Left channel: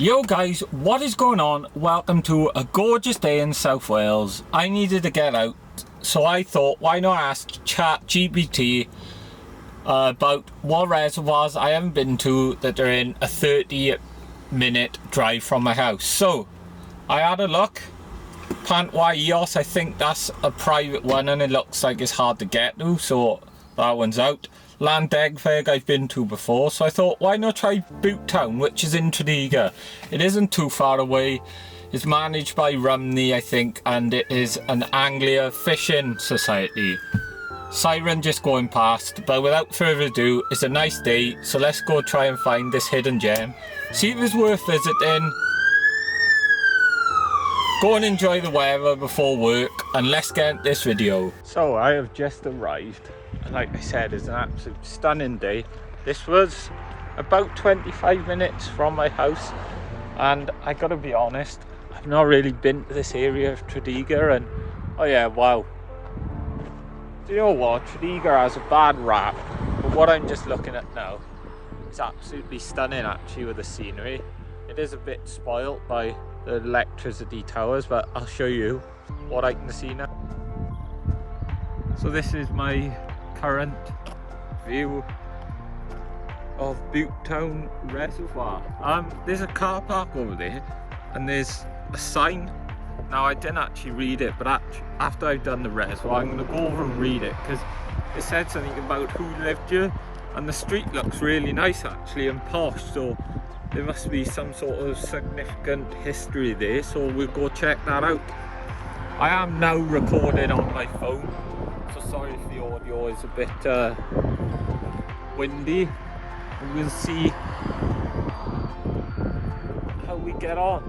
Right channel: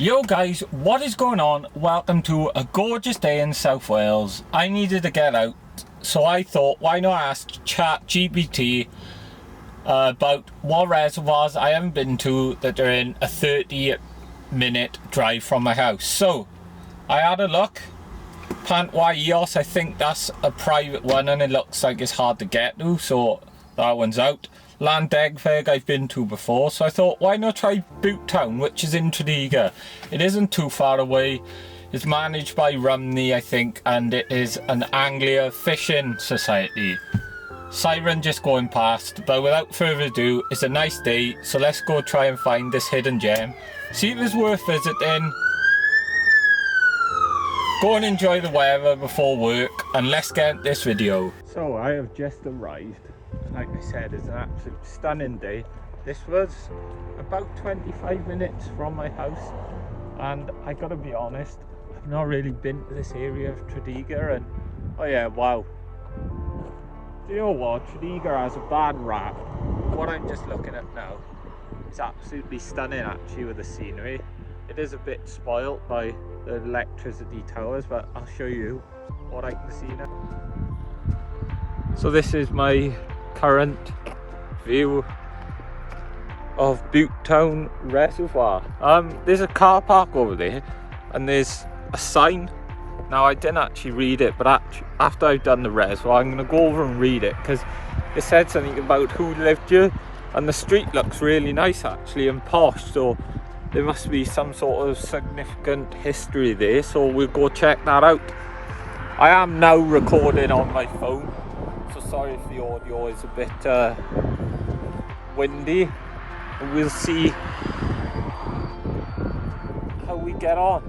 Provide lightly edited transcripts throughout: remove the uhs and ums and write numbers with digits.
Yo guys, what is going on? Welcome to a gorgeous day in South Wales. I needed to get out, so I thought, why not ask ChatGPT about what reservoirs I haven't been to that are in a 30-minute drive from my house. So I had a look. Sappheiros, I think that's a private one and it looks like it's hard to get to, so that one's out. Landegfeg I've been to before, so I thought, why not try Butetown, which is in Tredegar. It isn't too far away. It's managed by Rumney, I think, and it is an Anglia fishing society. Siren just going past, but without further ado, it's a nice day, so let's go try and find this hidden gem. See if it's worth visiting. Go and enjoy the weather before work, and let's get into this video. So I have just arrived, and like I said, it's an absolute stunning day. This was about 25 minutes from my house, and I gotta be honest, I've not really been to this area of Tredegar, and oh yeah, wow. Do you know what? Tredegar has a bad rap, but what I'm just looking at now is absolutely stunning actually with the scenery. It is a bit spoilt by the electricity towers, but I'll show you what I can see now. So this is my current view of Butetown Reservoir. There's a car park over there and there's a sign. Now I didn't actually read it, but after I've done the reservoir I'm going to go over and read it, because it said something about who lived here, and the street looks really nice actually and posh, so there must be some sort of significant history there, so we'll go check that out. I am now recording on my phone, so sorry if the audio is a bit windy. We'll see how we get on.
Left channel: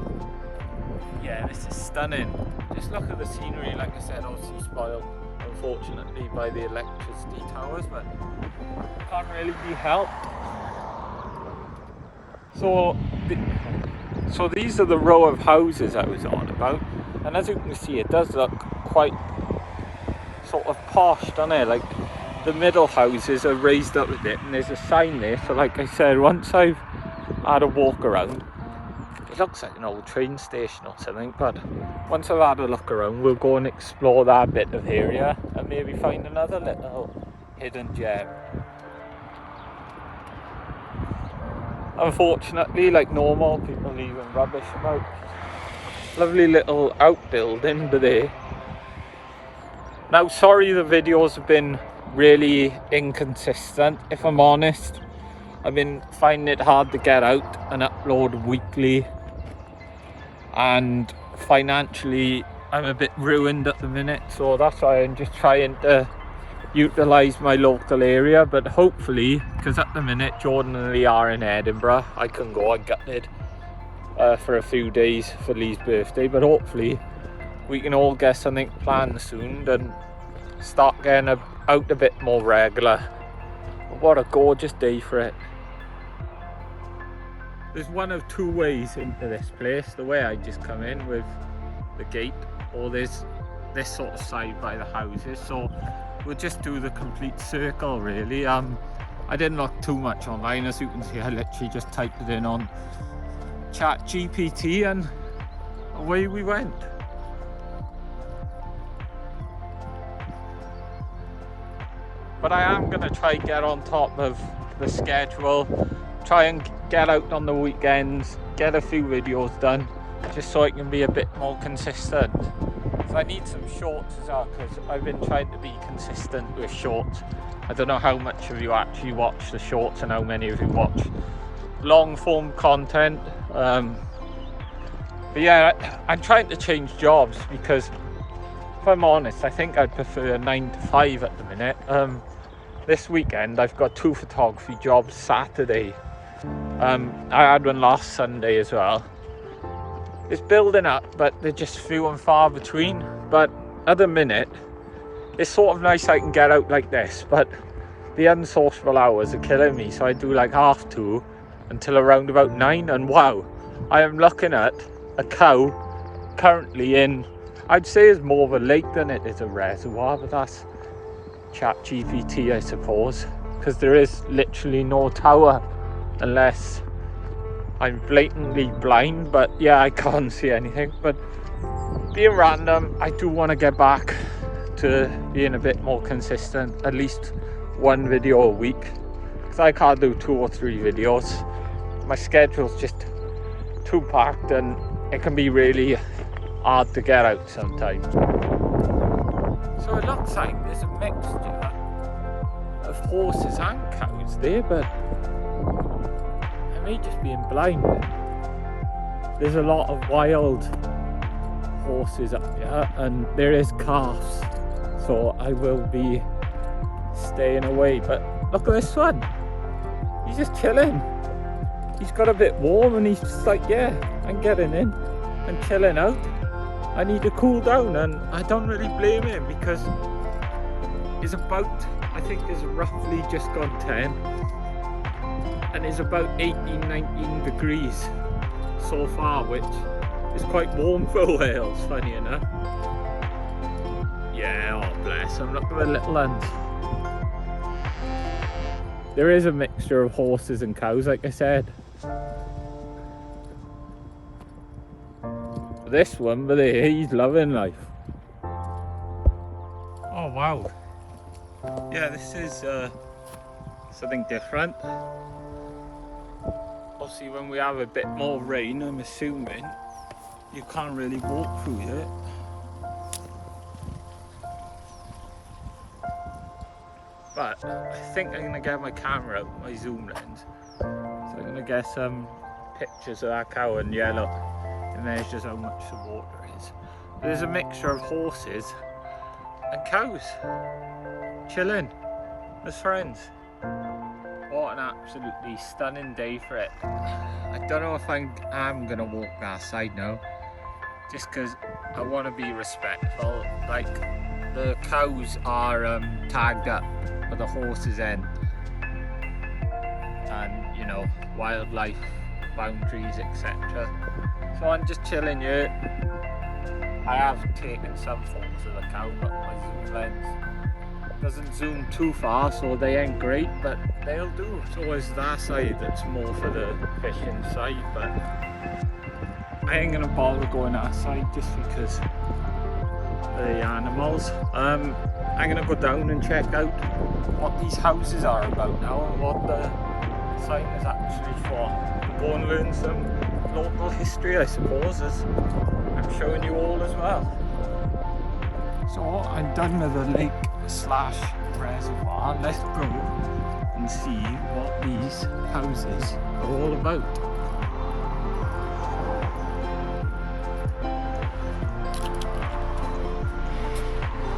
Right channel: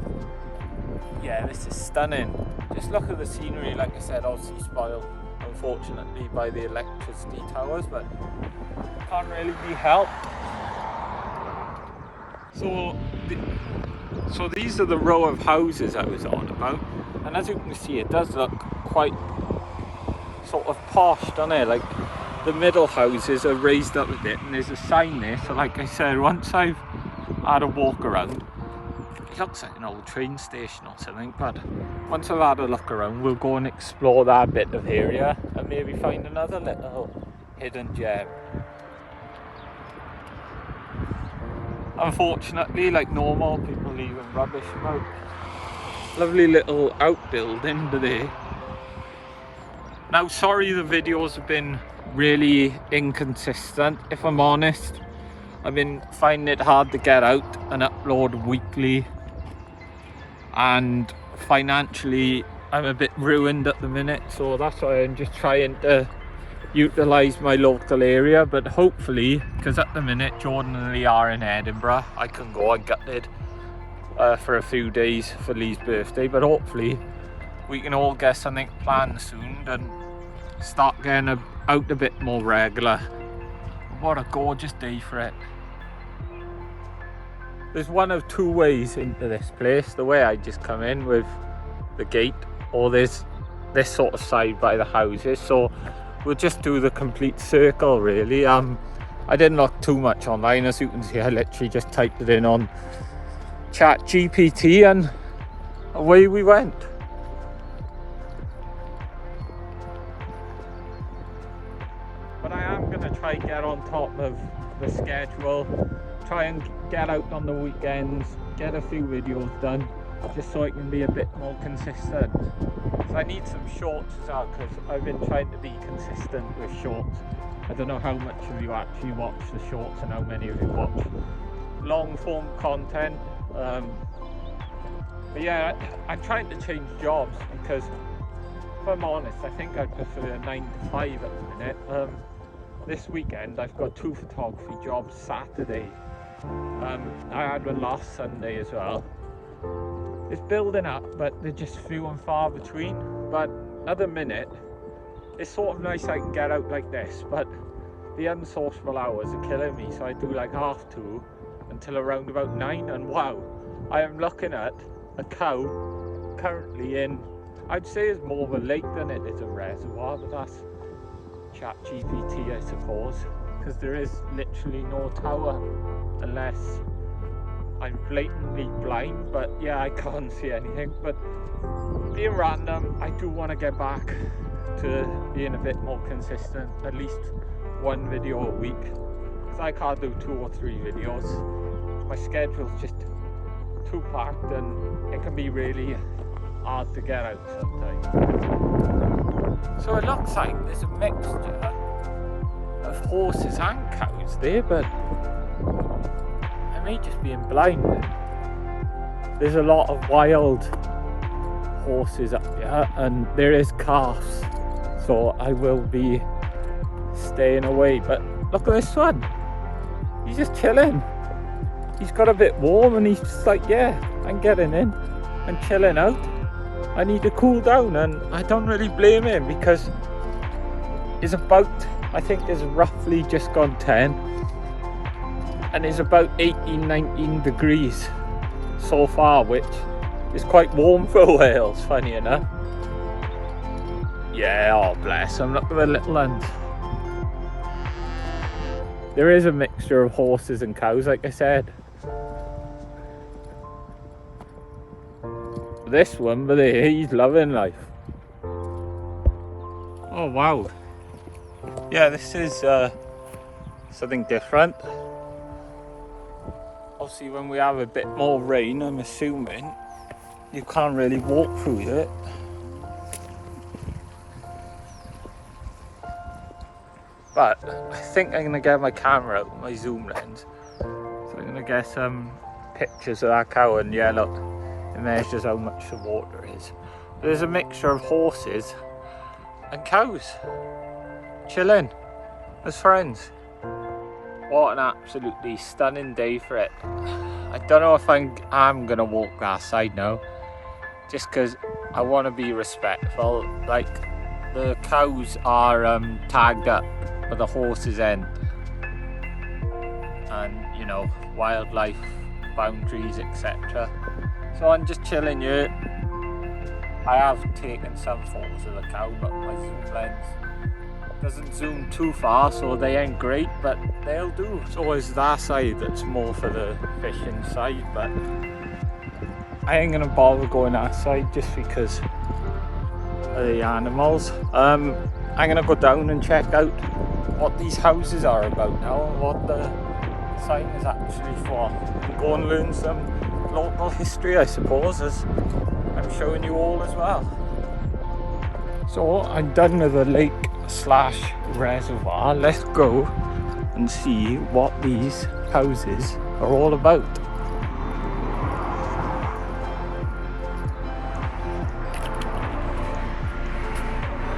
Yeah, this is stunning. Just look at the scenery, like I said, obviously spoiled unfortunately by the electricity towers, but can't really be helped. So these are the row of houses I was on about, and as you can see it does look quite sort of posh, doesn't it? Like the middle houses are raised up a bit and there's a sign there, so like I said, once I've had a walk around, it looks like an old train station or something, but once I've had a look around we'll go and explore that bit of area and maybe find another little hidden gem. Unfortunately, like normal, people leaving rubbish about. Lovely little outbuilding today. Now, sorry the videos have been really inconsistent, if I'm honest. I've been finding it hard to get out and upload weekly, and financially I'm a bit ruined at the minute, so that's why I'm just trying to utilise my local area. But hopefully, because at the minute Jordan and Lee are in Edinburgh, I can go and gutted for a few days for Lee's birthday, but hopefully we can all get something planned soon and start getting out a bit more regular. What a gorgeous day for it. There's one of two ways into this place. The way I just come in with the gate, or there's this sort of side by the houses, so we'll just do the complete circle really. I didn't look too much online, as you can see. I literally just typed it in on ChatGPT and away we went. But I am going to try get on top of the schedule, try and get out on the weekends, get a few videos done, just so I can be a bit more consistent. So I need some shorts as well, because I've been trying to be consistent with shorts. I don't know how much of you actually watch the shorts and how many of you watch long form content. But yeah, I'm trying to change jobs, because if I'm honest, I think I'd prefer a 9 to 5 at the minute. This weekend I've got 2 photography jobs Saturday. I had one last Sunday as well. It's building up, but they're just few and far between. But at the minute, it's sort of nice I can get out like this, but the unsociable hours are killing me. So I do like 2:30 until around about 9, and wow, I am looking at a cow currently in, I'd say it's more of a lake than it is a reservoir, but that's ChatGPT, I suppose, because there is literally no tower unless I'm blatantly blind, but yeah, I can't see anything. But being random, I do want to get back to being a bit more consistent, at least one video a week, because I can't do 2 or 3 videos. My schedule's just too packed and it can be really hard to get out sometimes. So it looks like there's a mixture of horses and cows there, but I may just be blind. There's a lot of wild horses up here and there is calves, so I will be staying away. But look at this one, he's just chilling. He's got a bit warm and he's just like, yeah, I'm getting in and chilling out. I need to cool down, and I don't really blame him because it's about, I think it's roughly just gone 10 and it's about 18-19 degrees so far, which is quite warm for Wales, funny enough. Yeah, oh bless him, look at the little ones. There is a mixture of horses and cows, like I said. This one, but he's loving life. Oh wow. Yeah, this is something different. Obviously when we have a bit more rain, I'm assuming you can't really walk through it. But I think I'm gonna get my camera out, my zoom lens. So I'm gonna get some pictures of that cow, and yeah, look, it measures how much the water is. There's a mixture of horses and cows chilling as friends. What an absolutely stunning day for it. I don't know if I'm gonna walk that side now, just because I want to be respectful. Like, the cows are tagged up for the horses end, and you know, wildlife boundaries, etc. So I'm just chilling here. I have taken some photos of the cow, but my zoom lens doesn't zoom too far, so they ain't great, but they'll do. So it's that side that's more for the fishing side, but I ain't gonna bother going that side just because of the animals. I'm gonna go down and check out what these houses are about now and what the sign is actually for. Go and learn some local history, I suppose, as I'm showing you all as well. So I'm done with the lake / reservoir. Let's go and see what these houses are all about.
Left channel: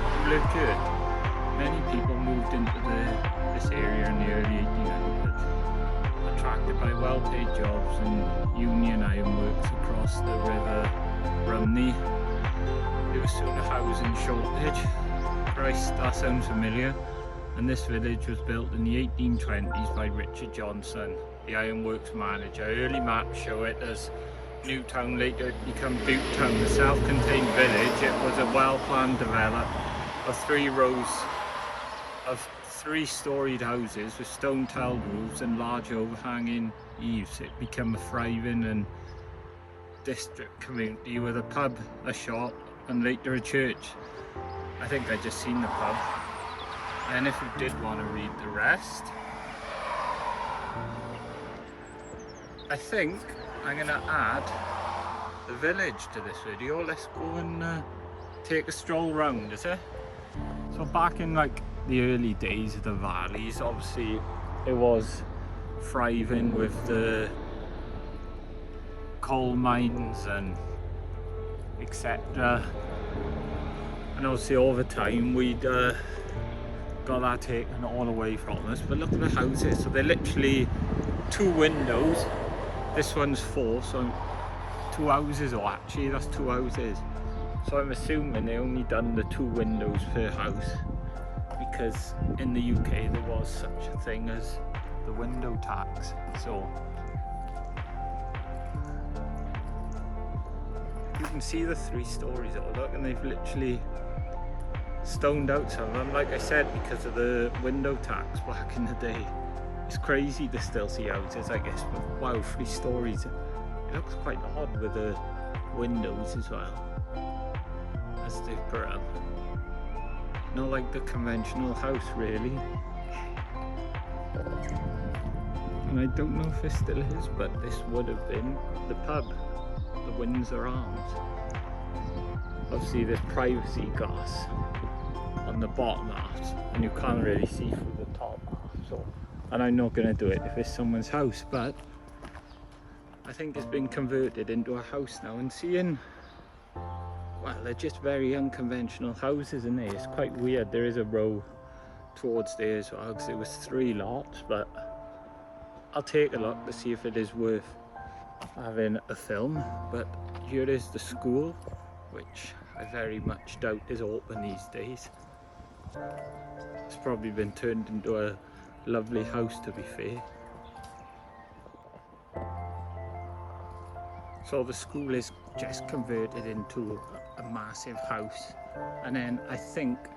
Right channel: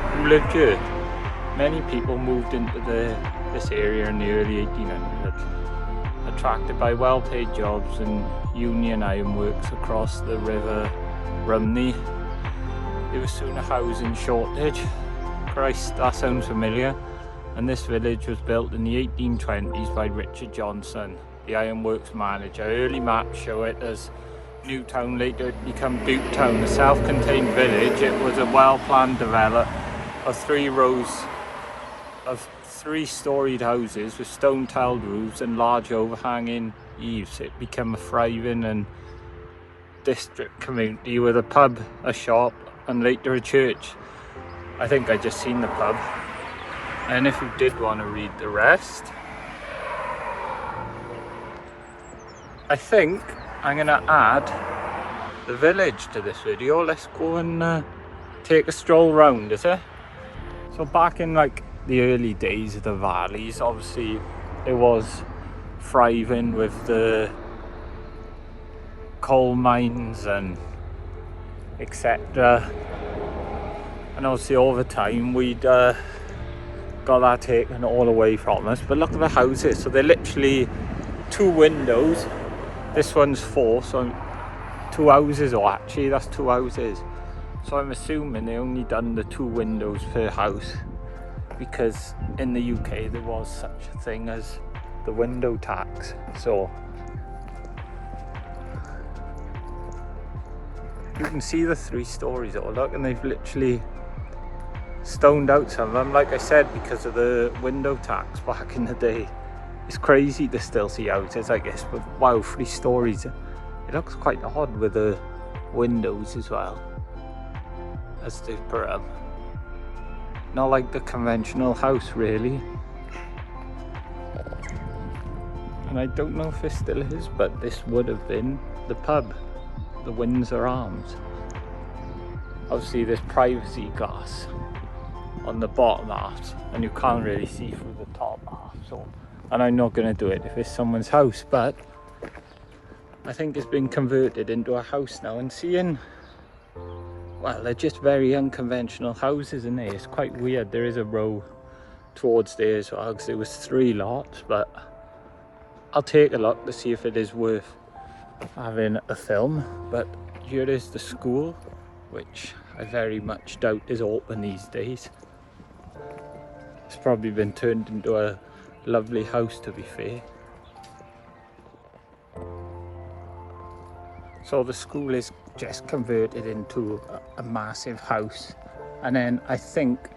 Who lived here? Many people moved into this area in the early 1800s, attracted by well-paid jobs and union ironworks across the River Rumney. There was soon a housing shortage. Christ, that sounds familiar. And this village was built in the 1820s by Richard Johnson, the ironworks manager. Early maps show it as Newtown, later become Butetown, a self-contained village. It was a well-planned development of 3 rows of 3-storied houses with stone-tiled roofs and large overhanging eaves. It became a thriving and district community with a pub, a shop, and later a church. I think I just seen the pub. And if you did want to read the rest, I think I'm gonna add the village to this video. Let's go and take a stroll round, is it? So back in like the early days of the valleys, obviously it was thriving with the coal mines and etc. And obviously over time we'd got that taken all away from us. But look at the houses. So they're literally 2 windows. This one's 4, so 2 houses, or actually that's 2 houses. So I'm assuming they only done the 2 windows per house, because in the UK there was such a thing as the window tax. So you can see the 3 stories all, look, and they've literally stoned out some of them, like I said, because of the window tax back in the day. It's crazy to still see houses like this with, wow, 3 stories. It looks quite odd with the windows as well, as they've put them. Not like the conventional house really. And I don't know if it still is, but this would have been the pub, the Windsor Arms. Obviously there's privacy glass on the bottom half and you can't really see through the top half, so, and I'm not going to do it if it's someone's house, but I think it's been converted into a house now. And seeing, well, they're just very unconventional houses in there. It's quite weird. There is a row towards there as well, because there was 3 lots, but I'll take a look to see if it is worth having a film. But here is the school, which I very much doubt is open these days. It's probably been turned into a lovely house, to be fair. So the school is just converted into a massive house, and then I think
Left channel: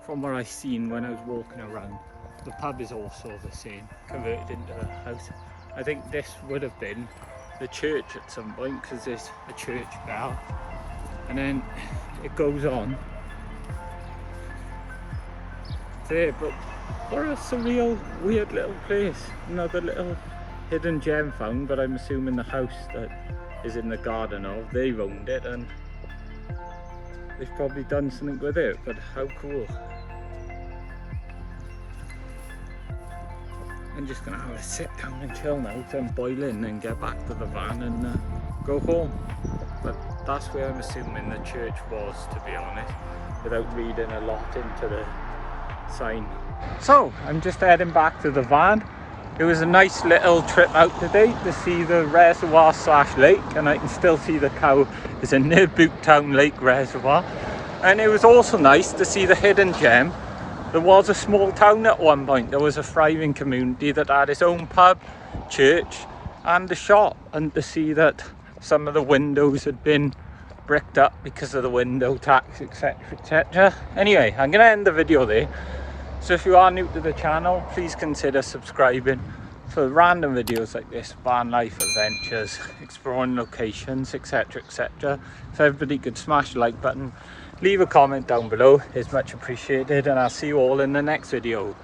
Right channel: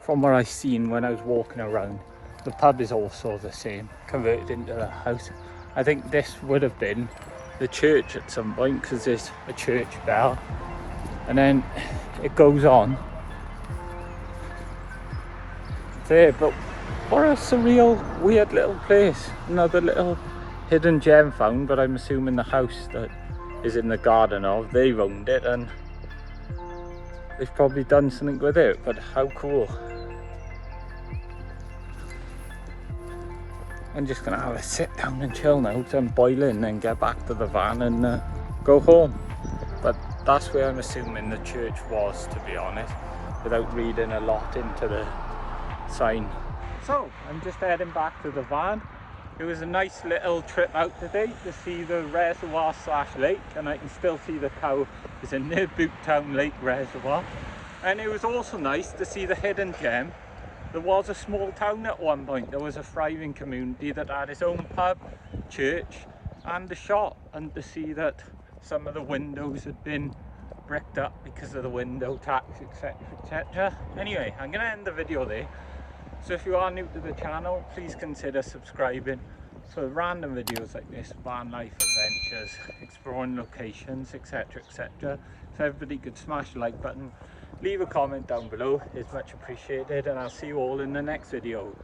from what I've seen when I was walking around, the pub is also the same, converted into a house. I think this would have been the church at some point, because there's a church bell, and then it goes on there. But what a surreal, weird little place. Another little hidden gem found, but I'm assuming the house that is in the garden of, they've owned it and they've probably done something with it. But how cool. I'm just gonna have a sit down and chill now till I'm boiling, and get back to the van and go home. But that's where I'm assuming the church was, to be honest, without reading a lot into the sign. So I'm just heading back to the van. It was a nice little trip out today to see the reservoir / lake, and I can still see the cow is in near Butetown Lake Reservoir. And it was also nice to see the hidden gem. There was a small town at one point. There was a thriving community that had its own pub, church and a shop, and to see that some of the windows had been bricked up because of the window tax, etc, etc. Anyway, I'm going to end the video there. So if you are new to the channel, please consider subscribing for random videos like this, van life adventures, exploring locations, etc, etc. If everybody could smash the like button, leave a comment down below, it's much appreciated, and I'll see you all in the next video.